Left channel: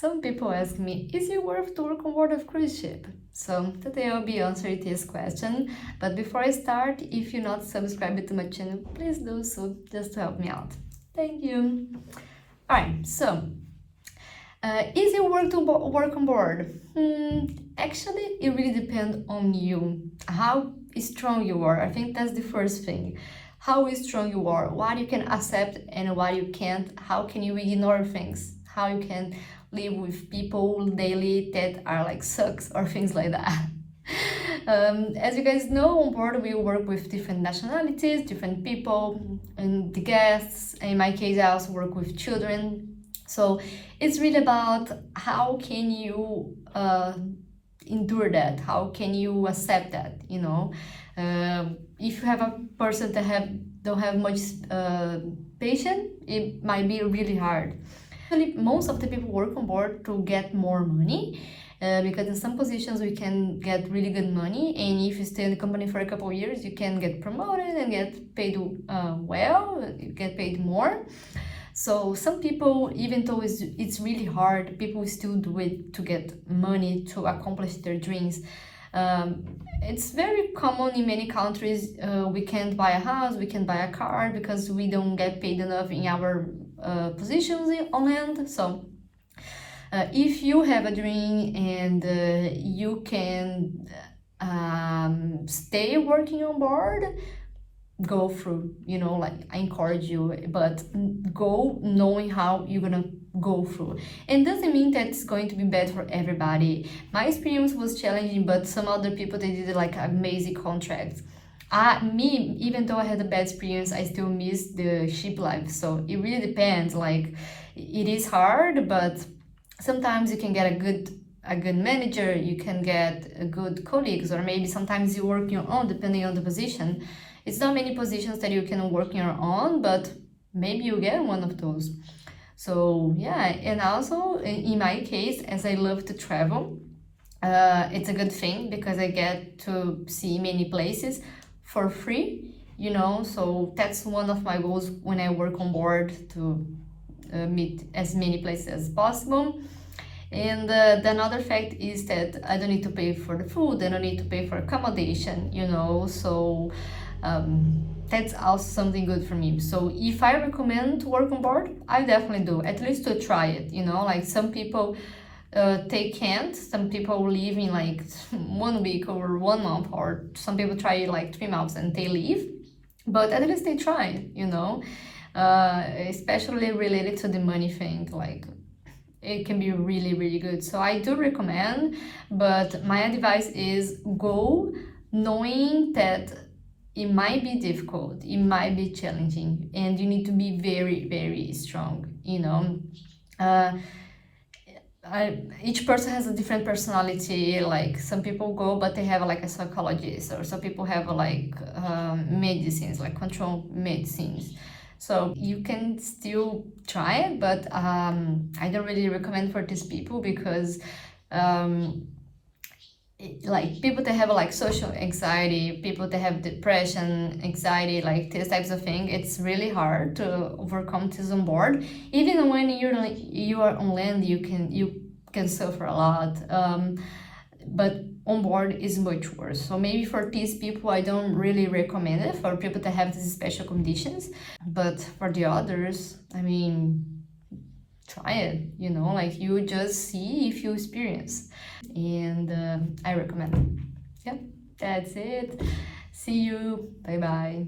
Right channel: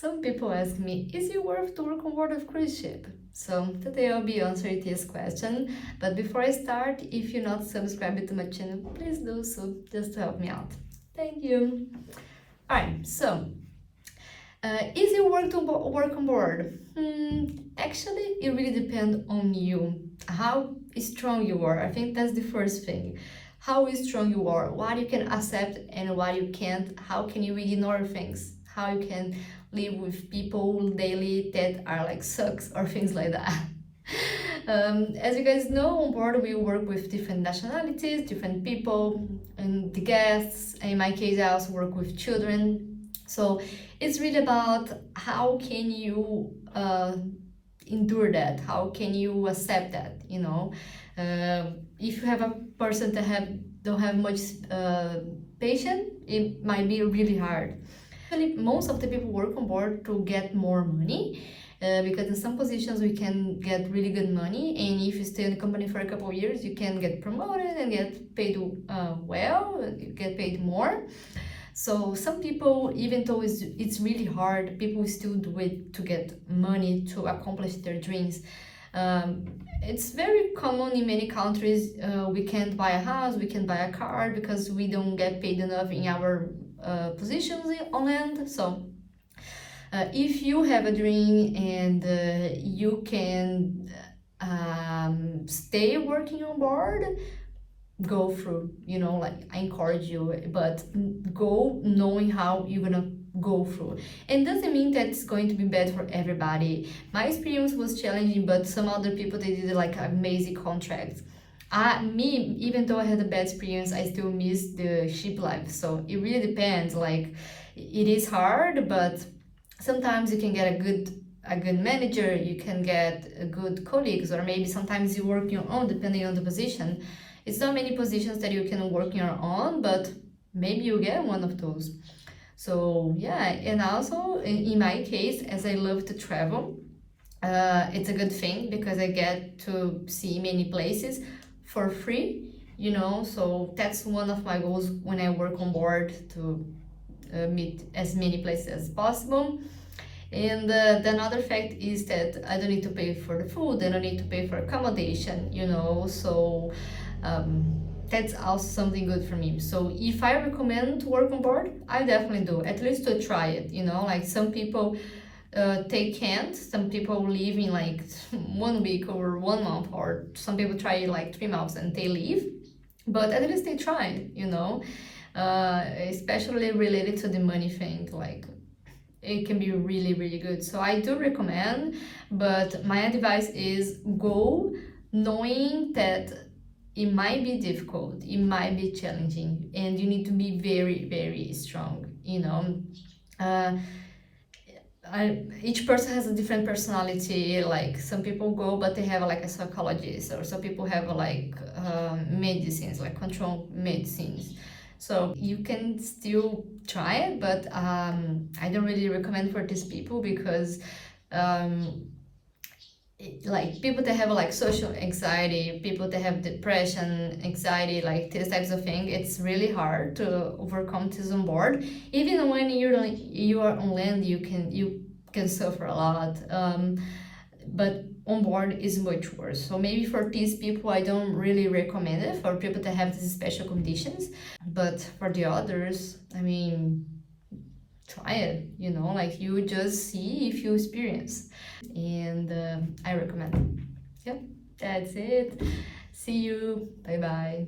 Some people ask me, is it worth to work on board of cruise ship? So today I'll be answering this question, but before I start, if you're not subscribed to my channel, please do so, just to help me out. Thank you. Alright, so is it worth to work on board? Actually, it really depends on you, how strong you are. I think that's the first thing. How strong you are, what you can accept and what you can't, how can you ignore things, how you can live with people daily that are like sucks or things like that. As you guys know, on board we work with different nationalities, different people, and the guests. In my case, I also work with children. So it's really about how can you endure that? How can you accept that? You know, if you have a person that don't have much patience, it might be really hard. Actually, most of the people work on board to get more money, because in some positions we can get really good money, and if you stay in the company for a couple of years, you can get promoted and get paid well, you get paid more. So some people, even though it's really hard, people still do it to get money to accomplish their dreams. It's very common in many countries. We can't buy a house, we can't buy a car because we don't get paid enough in our positions on land. So if you have a dream and you can stay working on board, go through, you know, like I encourage you, but go knowing how you're gonna go through. And doesn't mean that it's going to be bad for everybody. My experience was challenging, but some other people, they did like amazing contracts. Me, even though I had a bad experience, I still miss the ship life. So it really depends. Like it is hard, but sometimes you can get a good manager, you can get good colleagues, or maybe sometimes you work your own depending on the position. It's not many positions that you can work your own, but maybe you get one of those. So yeah, and also in my case, as I love to travel, it's a good thing because I get to see many places for free, you know. So that's one of my goals when I work on board, to meet as many places as possible. And the another fact is that I don't need to pay for the food, I don't need to pay for accommodation, you know. So that's also something good for me. So if I recommend to work on board, I definitely do, at least to try it, you know. Like some people they can't, some people live in like 1 week or 1 month, or some people try like 3 months and they leave, but at least they try, you know. Especially related to the money thing, like it can be really, really good. So I do recommend, but my advice is go knowing that it might be difficult, it might be challenging, and you need to be very, very strong, you know. Each person has a different personality. Like some people go, but they have like a psychologist, or some people have like medicines, like control medicines. So you can still try it, but I don't really recommend for these people because like people that have like social anxiety, people that have depression, anxiety, like these types of things, it's really hard to overcome this on board. Even when you are on land, you can suffer a lot, but on board is much worse. So maybe for these people I don't really recommend it, for people that have these special conditions. But for the others, I mean, try it, you know, like you just see if you experience. And I recommend it. Yeah, that's it. See you. Bye bye.